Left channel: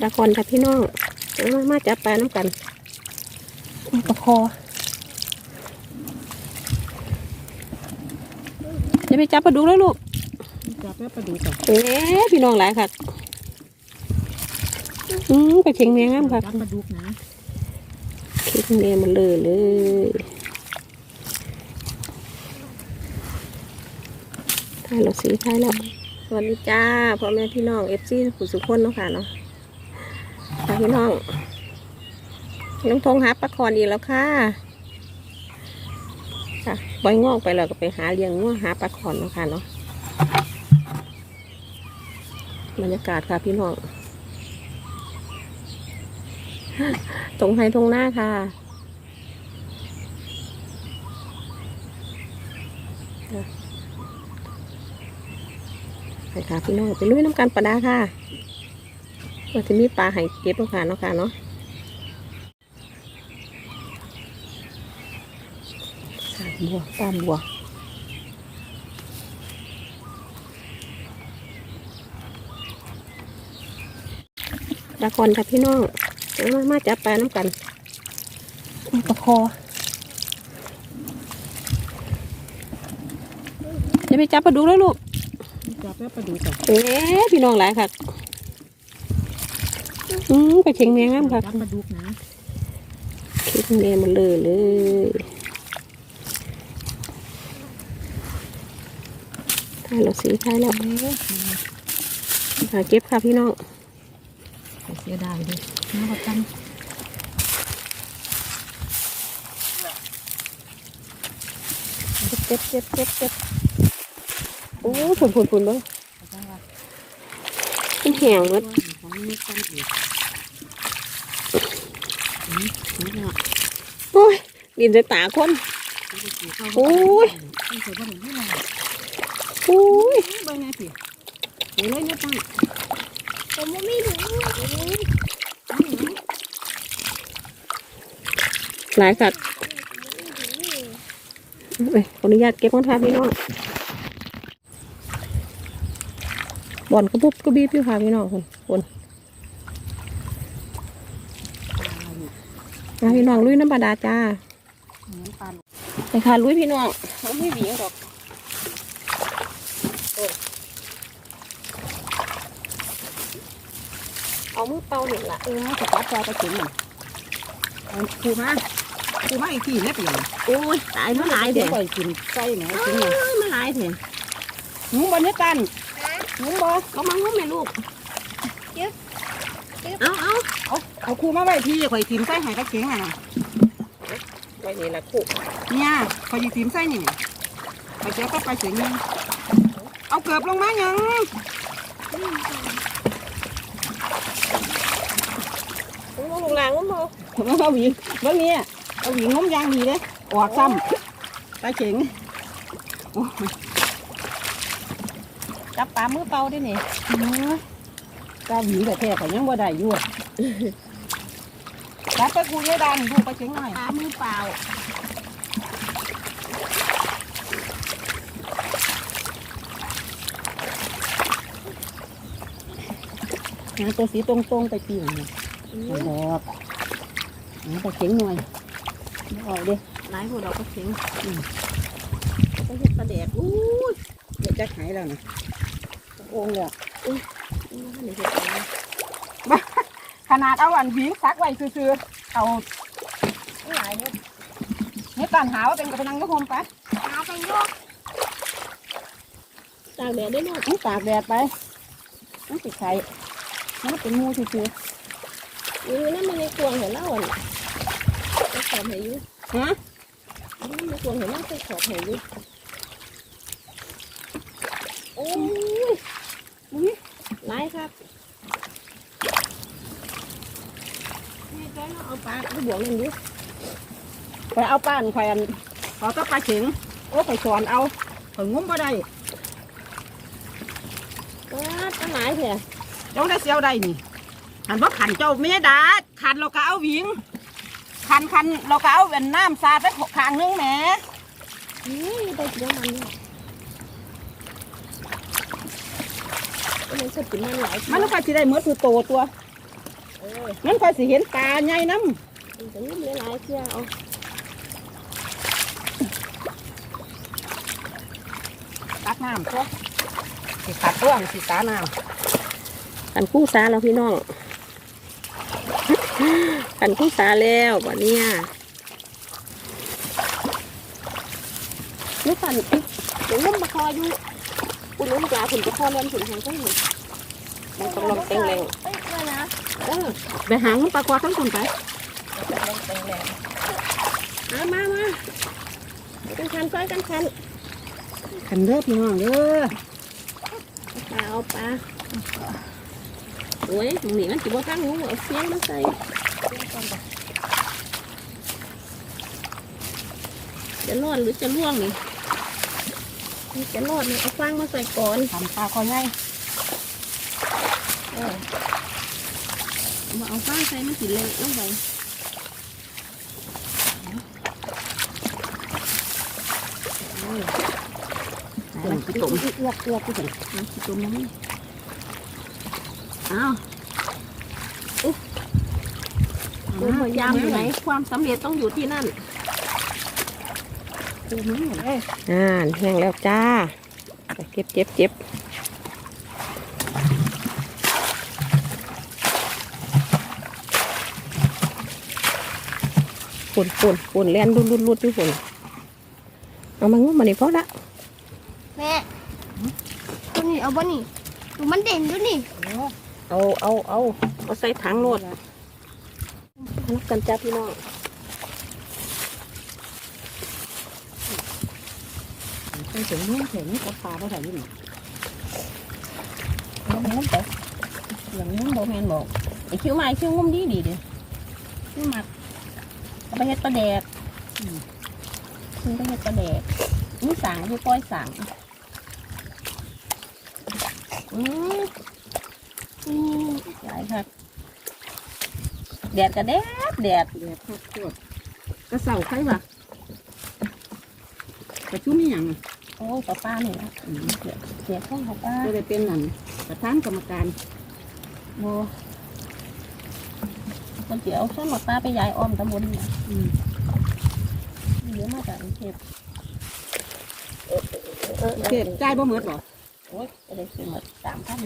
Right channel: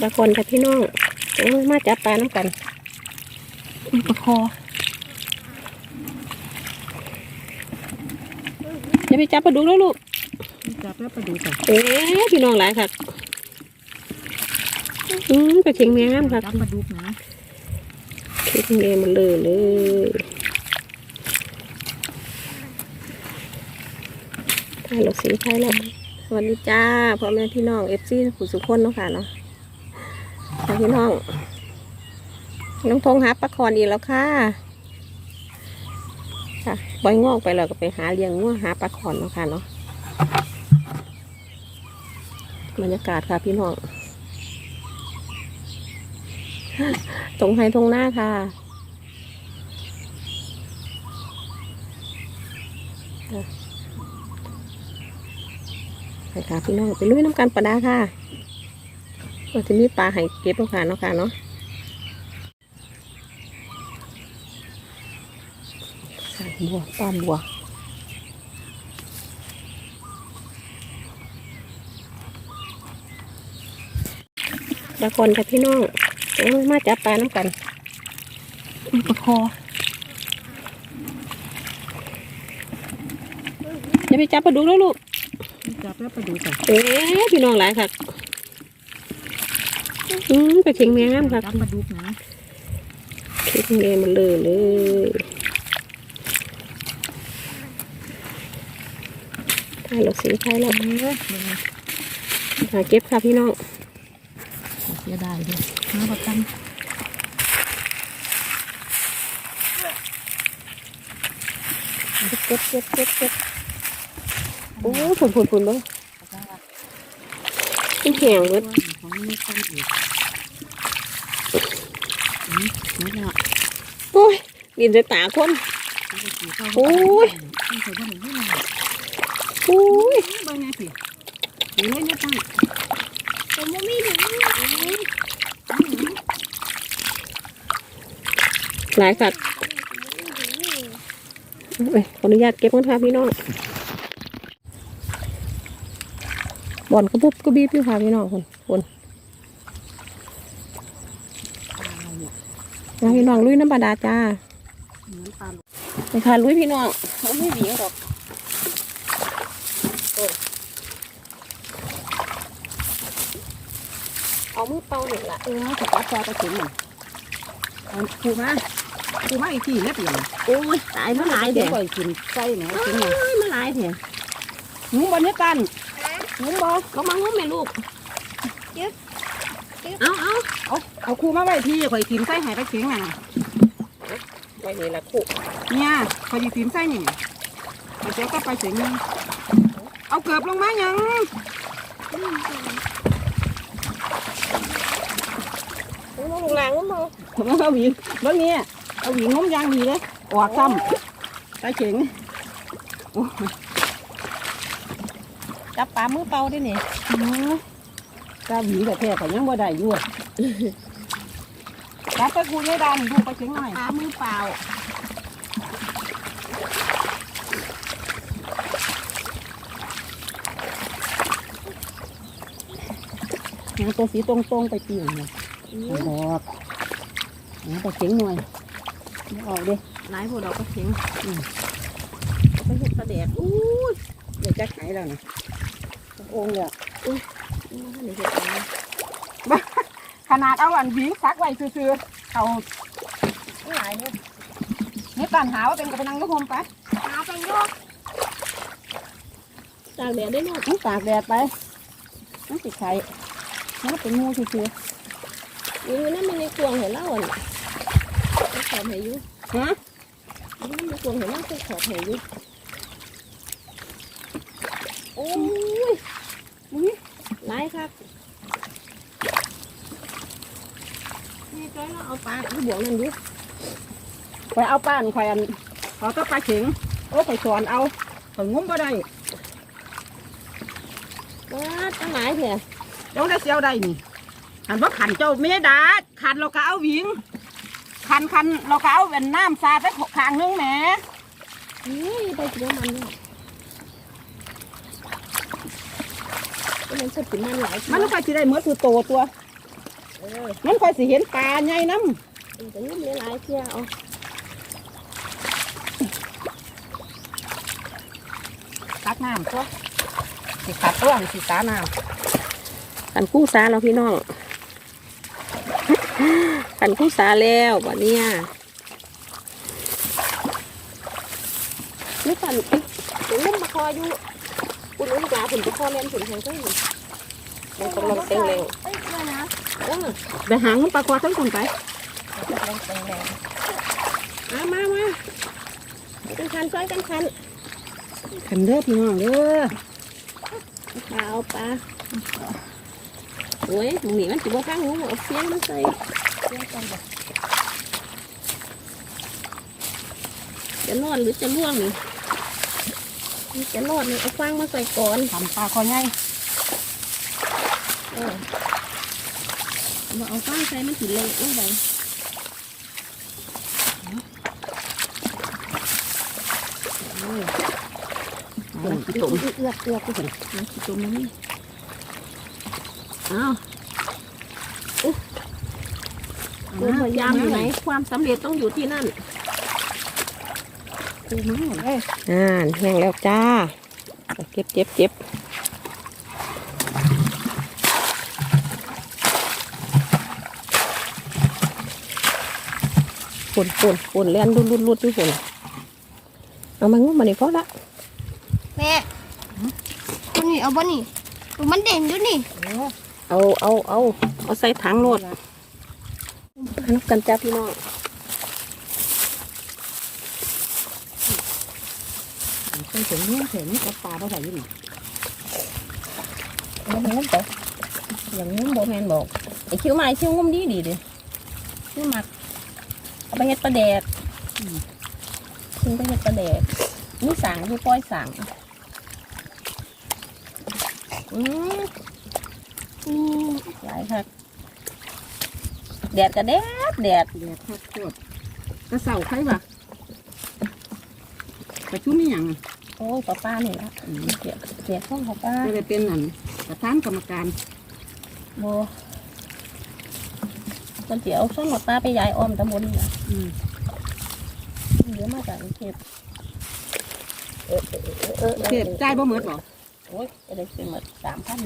ตะกอนค่ะพี่น้องเอามาจับปลาน้ำกันปลาคอจะไปจับปลาดุกแล้วลูก จับแล้วปลาดุกอะเอ๊ะพี่น้องหลายค่ะอืมไปเข่งแมงน้ำค่ะจับปลาดุกนะเข่งแมงมันเลยเลยถ่ายหลอกสีถ่ายแล้วสวัสดีจ้าพ่อแม่พี่น้องเอฟซีผู้สุขคนเนาะค่ะเนาะ ค่ะพี่น้อง น้องทงหาปลาคอนอีกแล้วค่ะค่ะปล่อยงอกไปแล้วก็ไปหาเลี้ยงงัวหาปลาคอนเนาะค่ะเนาะบรรยากาศค่ะพี่น้องตรงไฮตรงหน้าค่ะไปค่ะพี่น้องไปลุยน้ำกันปลาดาค่ะ ว่าจะมีปลาให้เก็บแล้วค่ะเนาะค่ะเนาะค่ะบัวปลาบัวตะกอนค่ะพี่น้องเอามาจับปลาน้ำกันปลาคอจะไปจับปลาดุกแล้วลูกจับแล้วปลาดุกอะเอ๊ะพี่น้องหลายค่ะ อืมไปเข่งแมงน้ำค่ะจับปลาดุกนะเข่งแมงมันเลยเลยถ่ายหลอกสีถ่ายแล้วเออหาเก็บค่ะพี่น้องเสียดายเลยน้าประกันเก็บเก็บเก็บเก็บโอ้ผุนผุนผุนเลยมันแห้งเว้ย โอ้ยดินใส่ตาคนโอ้ยโอ้ยเบิ่งไงสิเห็นเลยเนี่ยตั้งหลายสัตว์ไปขออนุญาตเก็บก่อนค่ะพี่น้องบ่อนกระบุบกระบีบอยู่ค่ะพี่น้องคนค นมาพี่น้องลุยน้ำบาดาลจ้าไปค่ะลุยพี่น้องเขาไม่เหนียวหรอกโอ้ยเอามือเป่าหนึ่งละเออจับปลาคอตะเข็งนี่คูมาคูมาอีกทีแล้วเปลี่ยนโอ้ยตายมาหลายเดี๋ยวปล่อยกินไส้หนะกินเอ้ยมาหลายเถอะหนูบนนี้กันหนูบอก็มางุ้มแม่ลูกเอาเอา เอาเอาคูมาไว้ที่ข่อยกินไส้แห่ตะเข็งน่ะไปนี่ละคู่เนี่ยข่อยกินไส้นี่ไปเจ้าก็ไปเข็งนี่เอาเกือบลงมายังลงลงแรงลงมาเอาหวีเมื่อนี้เอาหวีงมยางดีเลยออกซ้ำตาเข็งจับปลามือเป่าด้วยนี่ตาหวีแต่แท้แต่ยังบ่ได้อยู่ รับตะคูเนี่ยดันพูดตาเข็งหน่อยปลามือเปล่าหาตัวสีตรงๆไปปีนเนี่ยบอกหาตาเข็งหน่อยไม่ออกเด้หลายพวกเราก็เข็งเขาเห็ดปลาแดดอู้ยเดี๋ยวจะหายแล้วนะโอ่งเลยนี่เห็ดอะไรข นาดเอาอันหวีซักไว้ซื่อๆเอาหลายเนี่ยนี่ตันหาว่าเป็นกระนังลูกโฮมไปตากแดดได้หมดต้องตากแดดไปต้องติดไข่มันก็เป็นงูซื่ออยู่นั่นมันในกวงเห็นเล่าอะนี่ไปขอบเหยุๆฮะนั่นในกวงเห็นเล่าไปขอบเหยุโอ้ยนี่หลายครับ จ้อยเราเอาปลาที่บวกนั่นดิไปเอาป้านแขวนเอาตะปลาเข็งโอ้ไปสอนเอาถึงงุ้มก็ได้ว้าตั้งหลายเถอะเจ้าได้เสียวได้นี่หันว่าขันเจ้าไม่ได้ดาขันเราก็เอาวิงขันขันเราก็เอาเป็นน้ำสาดได้ข้างนึงแหมอืมไปกินน้ำมันด้วยมันสดกินมันหลายมันแล้วก็จะได้เมื่อคือโตตัว มันค่อยสิเห็นปลาใหญ่น้มันจะงุ้มหลายๆเที่ยวเอาำตักน้ำก็สิขัดตัวนี่สิตาน้ขันคู่สาเราพี่น้องขันคู่สาแล้วบ่เนี่ยนี่ขันอีกเดี๋ยวงุ้มมาคออยู่คุณลุงยาผุนจะคอเล่นผุนแทงก็อยู่มันกำลังเต็งแรงเออำ ไปหางมันปลาคอทั้งคนไปมามามาจังคันซอยจังคันขันเด้อพี่น้องเด้อปลาเอาปลาโอ้ยหมูหนีมันจิบว่าข้างหูเอาเสียงมันใส่จะรอดหรือจะล่วงนี่นี่จะรอดเนี่ยเอาฟางมาใส่ก่อนทำปลาคอใหญ่เออเอา มาเอาฟางใส่มันสิเละลงไปต้มต้มเอือกเอือกที่สุดน้ำขี้ตุ่มมันนี่อ้าวความพยายามอยู่ไหนความสำเร็จต้องอยู่ที่นั่นกูไม่หมดเลยอ่าแห้งแล้วจ้า เก็บเก็บเก็บ ปุ่นปุ่นปุ่นแล่นรุดรุดรุดอยู่ปุ่นเอามางุ้มมานี่พอละแม่ตัวนี้เอาบ่นี่ตัวมันเด่นอยู่นี่โอ้เอาเอาเอาเอาใส่ถังโหลดนับกันจ้าพี่น้องใส่ถุงมือเห็นกับปลาบ่ใส่อยี่นี่เอางุ้มไปอย่างงุ้มบอกแมนบอกไอคิ้วมาไอคิ้วงุ้มดีดีดิคิ้วมัก เอาไปเฮ็ดปลาแดกอืมคิ้วไปเฮ็ดปลาแดกนี่สั่งคือก้อยสั่งอืมอืมหลายครับแดดก็แดดแดดเดี๋ยวทอดโคตรกระเสาใครวะกระชุ่มอหย่างโอ้ป้าป้านี่นะอืมเกียกเกียกข้องป้าป้าจะได้เป็นนั่นประธานกรรมการโบ มันเสียเอาส้นป้าป้าไปยายอ้อมตำบลนี่นะอืมเยอะมาจากกรุงเทพเออเออเออเออเสียใจายบ่เหมือดหรอโอ้ยจะได้ซื้อมาสามพัน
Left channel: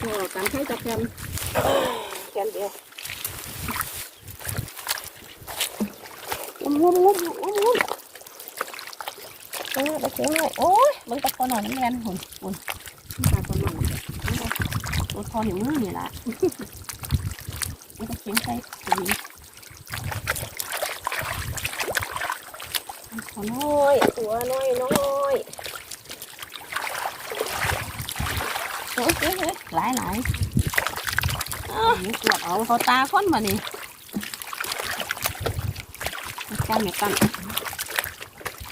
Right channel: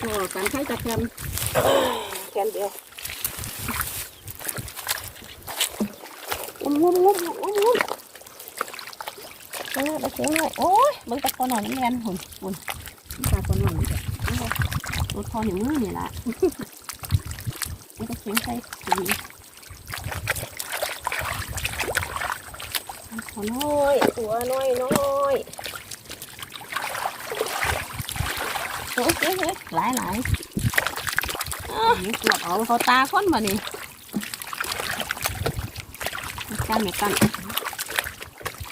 พอการใช้กับกันแค่เดียวงุ้มงุ้มงุ้มงุ้มงุ้มเออไปเสียงเลยโอ้ยมึงตะคอหน่อยน้ำแรงหุ่นหุ่น ปลาคนหน่อยนี่จ้ะตัวคอหนึ่งมือนี่แหละมันจะเขียงใส่ถุงตัวน้อยตัวน้อยน้อยเฮ้ยเฮ้ยหลายหลายนี่ตรวจเอาเขาตาค้นมานี่กันเนี่ยกัน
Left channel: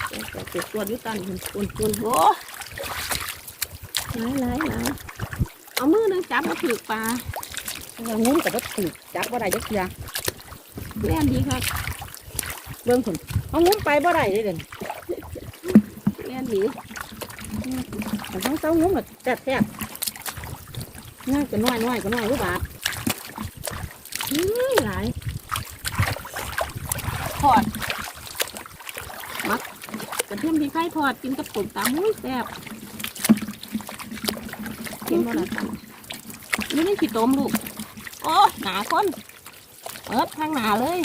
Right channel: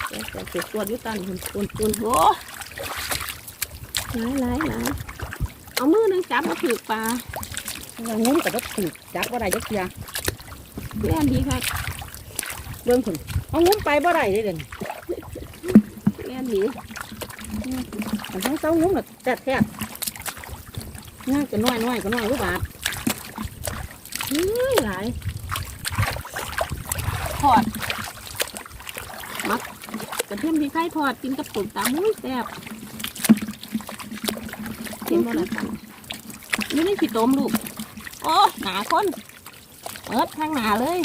เดี๋ยวจะเก็บตัวอยุตันคุณคุณคุณโอ้ หลายหลายหลายเอามือนึงจับมาถือปลาเรางุ้มกับวัตถุจับว่าได้ยักยาแม่นดีครับเบิ่งคนเอางุ้มไปบ่ได้เลยเด่นแม่นดีแต่ทั้งเต้างุ้มกับแทบแทบง่ายก็น้อยน้อยก็น้อยรู้บาทเฮ้ยหลายทอดมักกระเทียมที่ไข่ทอดกินกับตุ่มตามุ้ยแซ่บ กินบ่ละกันนี่ไม่ขี้ต้มลูก โอ้หนาคนเอิบทางหนาเลย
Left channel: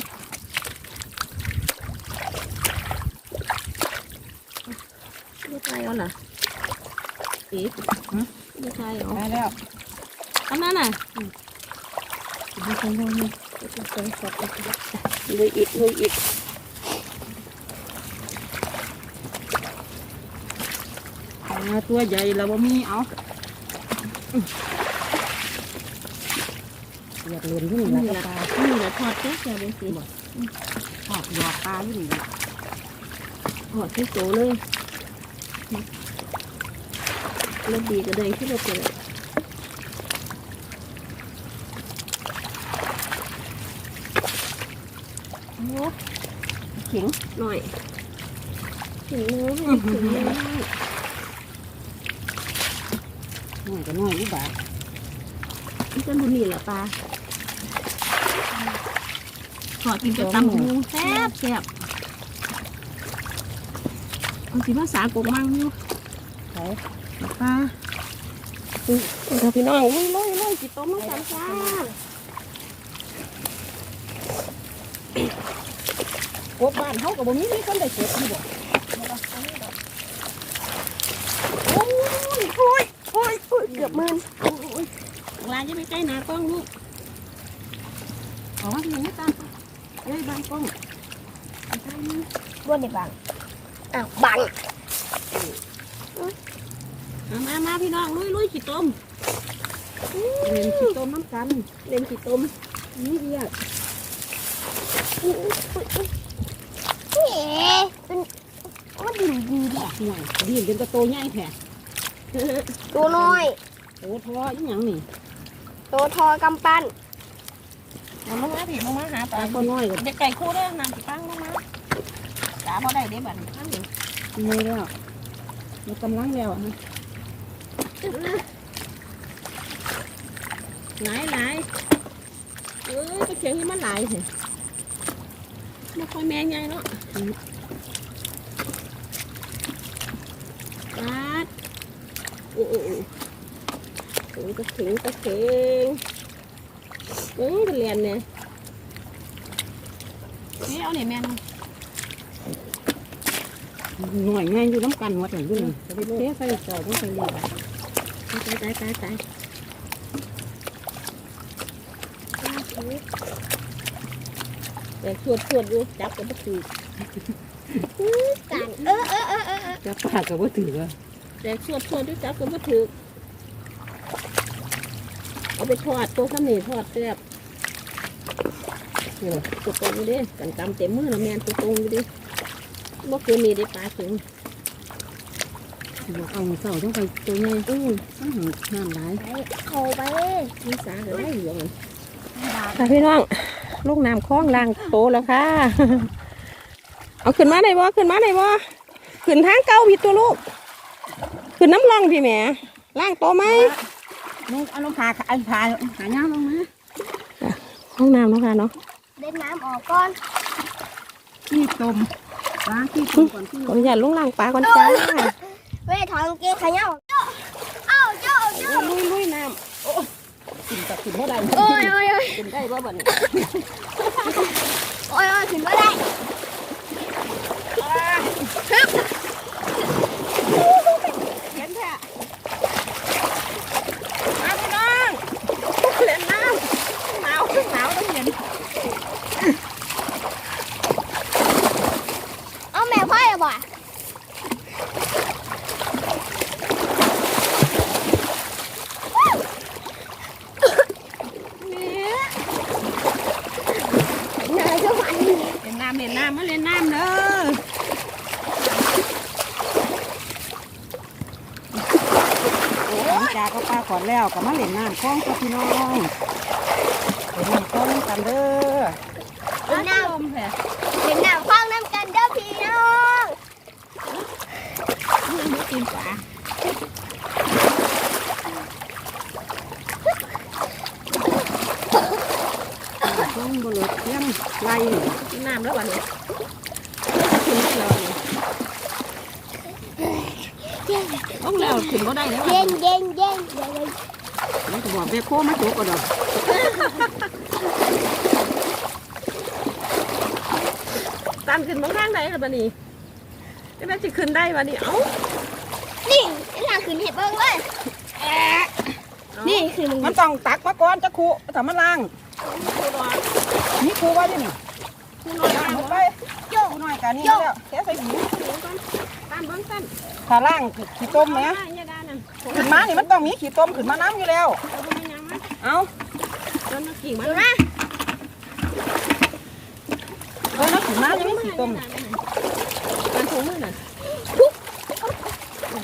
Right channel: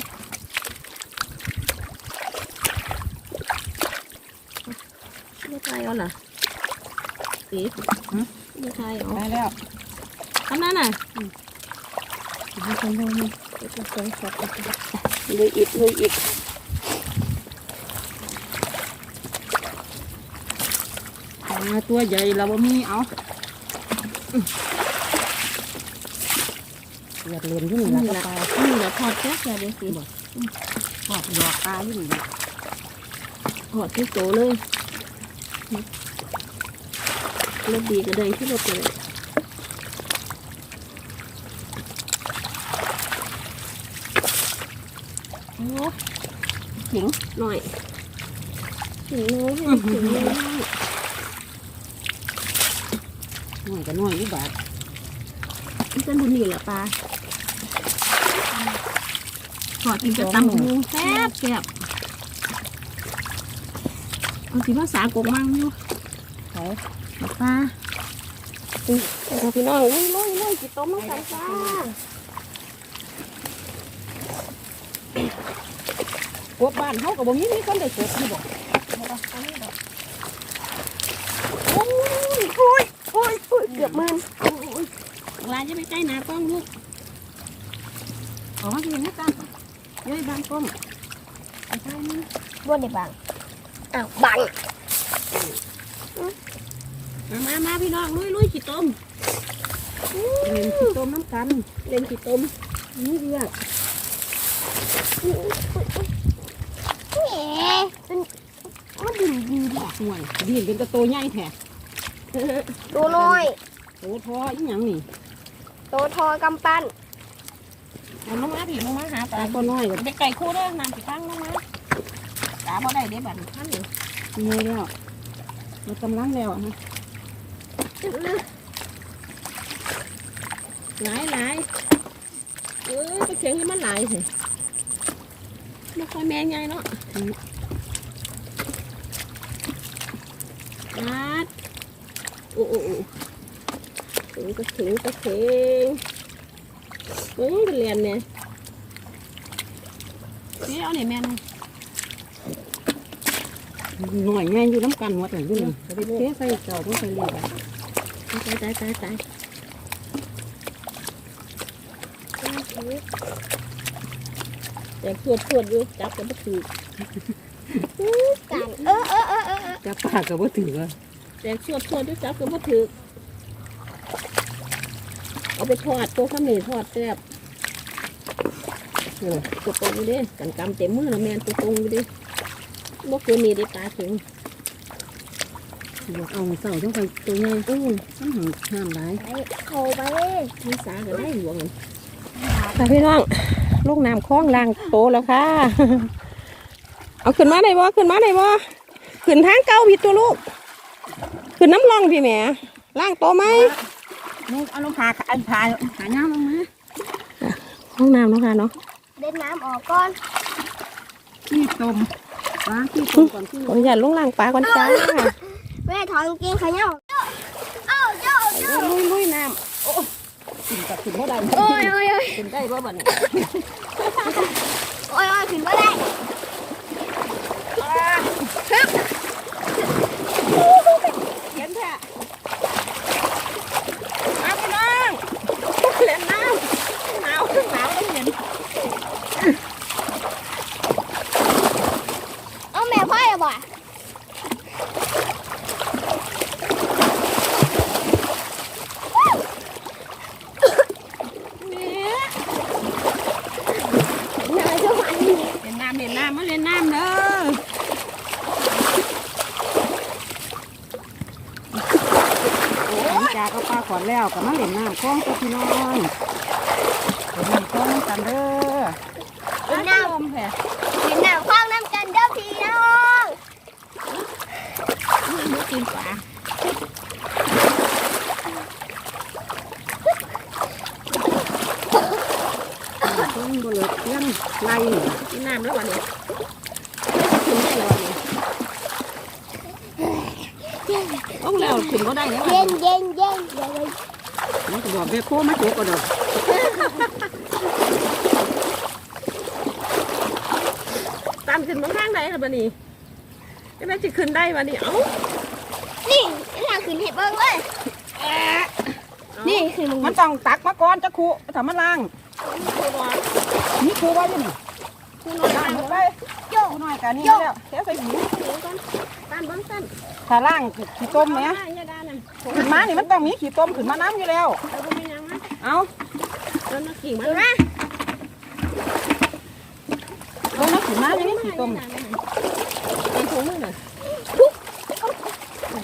ไม่ใช่เอาล่ะสีไม่ใช่เอาได้แล้วอันนั้นน่ะไม่ใช่เรื่องนี้ลุยอิดลุยอิดปลาตัวใหญ่เราบ่มีเอา เลือดเลียนอยู่นี่นี่ละแหละปลานี่แหละทอดแซ่บแซ่บเลยสิทอดหยอกปลาอยู่นี่ละทอดที่โตเลยรสดีก็ได้ที่รสเลยโอ้ขิงหน่อยขิงน้อยขิงน้อย น้อยก็น้อยอุบาทนี่เป็นบุญนี่แหละปลาขอกินกับตำหูแซ่บแซ่บเอาสิภาษากงมั่งอยู่เขากับปลาอุ้ยเดี๋ยวพี่น้องลุยลุยลุยจิตต้มมากันจ้ากบบ้านเขาก็บ่มีมีคนได้กบนี่บ่ โอ้ยโอ้ยโอ้ยโอ้ย เกือบหมื่นโอ้ยลาจะไปใกล้หนากล้องลูกขอเพียงให้กันเฮ้ยบางต้มไปใกล้นี่บ่ได้บังอ้าวบังมามามาพี่น้องลุยลุยจิตต้มเรียนสิต้มน้ำกันเล่นจิตต้มนี่เรียกเอ๊ะเป็นว่าดีดีดีห่วยดีนเป็นตะโตใหญ่แท้ ตัวน้อยโตทออีหยังนี่ตัวทอกำปั้นเอาลงมาพี่ลงมาหาปปลาลาก็น้อยก็เด็กไก่คู่เด้อนำไปตั้งลงมาปลาพอได้เด้บันท่านนี่มีแล้วมันกำลังแล้วนะหลายหลายเออไปเสียงให้มันหลายสิไม่ค่อยแม่ใหญ่เนาะอาดโอ้โอ้โอ้ ถึงกระถึงกระถึงโอ้เป็นเรียนเนี่ยนี่เอาเนี่ยแม่นหน่อยง่ายอยู่น้ำกันหมดเลยอยู่นี่จะไปเทใส่จ้าบ่ใส่เลี้ยงตายตายตายตายแต่ขวดขวดอยู่จับกันไม่ถือกันเออเออเออจับปาก็บ่ถือ แต่ขวดขวดอยู่จับกันไม่ถือเอาไปทอดตัวข้าวเหนียวทอดแซ่บนี่ตัวตรงอยู่ดิกันกำเต็มมือละแมนตัวตรงอยู่ดิบ่เกินนี้ได้ปลาถึงบอกเอาเสาต้องไปตัวใหญ่อืมต้องหาน้ำหลายไปเข้าไปมีสาก็ได้หลวงค่ะพี่น้องลูกน้ำคล้องล่างโตแล้วค่ะ เอาขึ้นมาได้บ่ขึ้นมาได้บ่ขึ้นทางเก่าผิดตัวลูก ขึ้นน้ำร่องพี่แหม่ล่างโตไหมนี่เอาลงพาอันพาหาน้ำลงมาห้องน้ำเนาะค่ะเนาะเด็ดน้ำออกก่อนที่ต้มล้างที่ต้มก่อนที่ขออนุญาตลงล่างปลาก่อนจ้าแม่ทองเก่งขยันเอ้าเจ้าลุยลุยน้กินกับกินเท่าใดโอ้ยโอ้ยโอ้ยำขึ้นได้บ่บัดนี้โอ้ยโอ้ยถึงไม่ได้ เห็นแท้มาพี่น้องเล่นน้ำหนาวหนาวต้องเย็น เอาแม่พ่ออย่าบ่ เนี่ยเล่นน้ำเล่นน้ำมาเล่นน้ำเด้อ โอ้ยจากก็ข้าวขอดแล้วก็มาเล่นน้ำแข้งพี่น้องเล่นน้ำกันเด้อเด็ดน้ลมแท้ำเด็ดน้ำคว้างน้ำกันเด้อพี่น้องไม่กินปลา ต้องดูเล่นไล่ กินน้ำแล้ววันนี้ไม่จะกินได้แล้ววันนี้ต้องแล้วกินก็ได้แล้ววัน เย็ นี้ นเย็นเย็นเย็ นแล้วก็บอกเด็กโค้มาถึงก็เด้อตามขึ้นบางทางได้หรือบันนี้จะได้จะขึ้นได้วันนี้เอ้านี่นี่ขึ้นเห็ดเบิ้งเลยนี่คือมึงมันต้องตักมาก่อนจะคูทำมาล้างคือว่านี่คูไว้ดินี่คือน้อยล้างน้ำไว้โยกหน่อยกันนี่แล้วแค่ใส่หินก่อนการเบิ้งสั้นถ้าล้างขี้ต้มไหมเนี่ยได้นั่น ขึ้นมานี่มันต้องมีขี้ต้มขึ้นมาน้ำอยู่แล้วเราไม่ยังนะเอาเดินมากิ่งมันนะเออแล้วขึ้นมานี่ขี้ต้มมันถุงมือน่ะ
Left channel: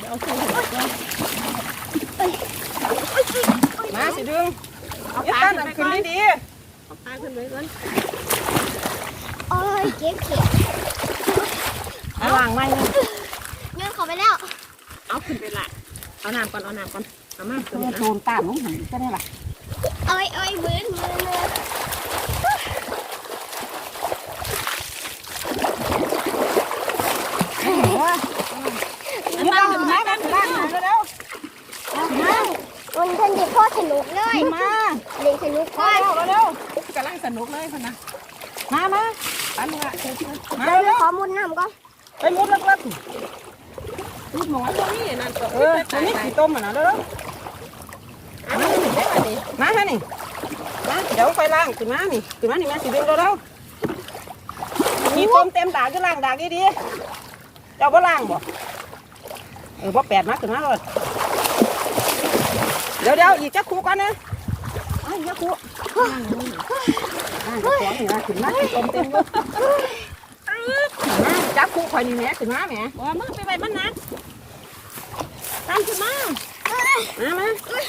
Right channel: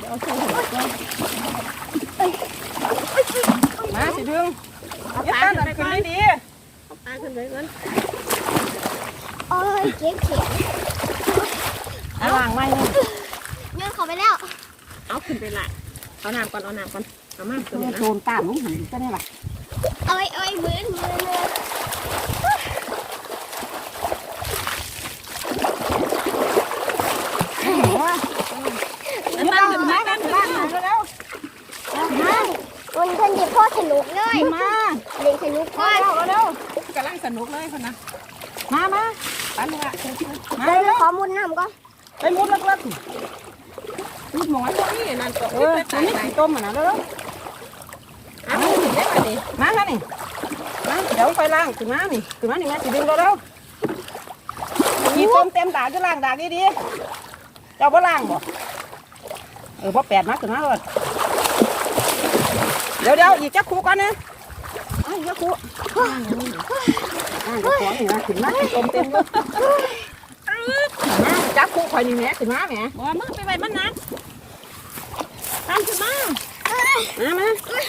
เอาใส่ถุงก่อนมาสิดึงเอาเย็ดปลาตั้งขึ้นไปขึ้ก่อนนดีเอาปลาขึ้นไปก่อนโอ้ยเจ็บเข็มๆเอาล้างไว้นี่เงินเขาไปแล้ว เอาขึ้นไปละ เอาน้ำก่อนเอาน้ำก่อนเอาเอามาตัวโดนตามน้องหันก็ได้ล่ะเอ้ยเอ้ยเว้นมือมือเอามาเอามากันเอามามันเป็นที่พ่อสนุกเลยมาเล่นสนุกก่อนกำลังสนุกเลยคนนะมามาปันละเดี๋ยวหนูขอมุดน้ำก่อนไปมุดลัก ลักหมอนตรงนี้นั่นก็เออตอนนี้สีต้มมันนะเด้อเอามามานี่มาเดี๋ยวไปล้างขึ้นมานี่ขึ้นมานี่แม่สิดึงเร็วๆมีต้มเต็มดากก็ล้างดากดีๆเจ้าบ่ล้างบ่เออบ่แปดมาขึ้นมาเลยเดี๋ยวเดี๋ยวอีกจักคู่ก่อนนะจักคู่อ่าเดี๋ยวของนี่นะขึ้นมาต้มเต็มเลยจักคู่ข่อยนี่แม่ขึ้นมาแม่บ่มึงไปไว้มันนะ ตามขึ้นมามามา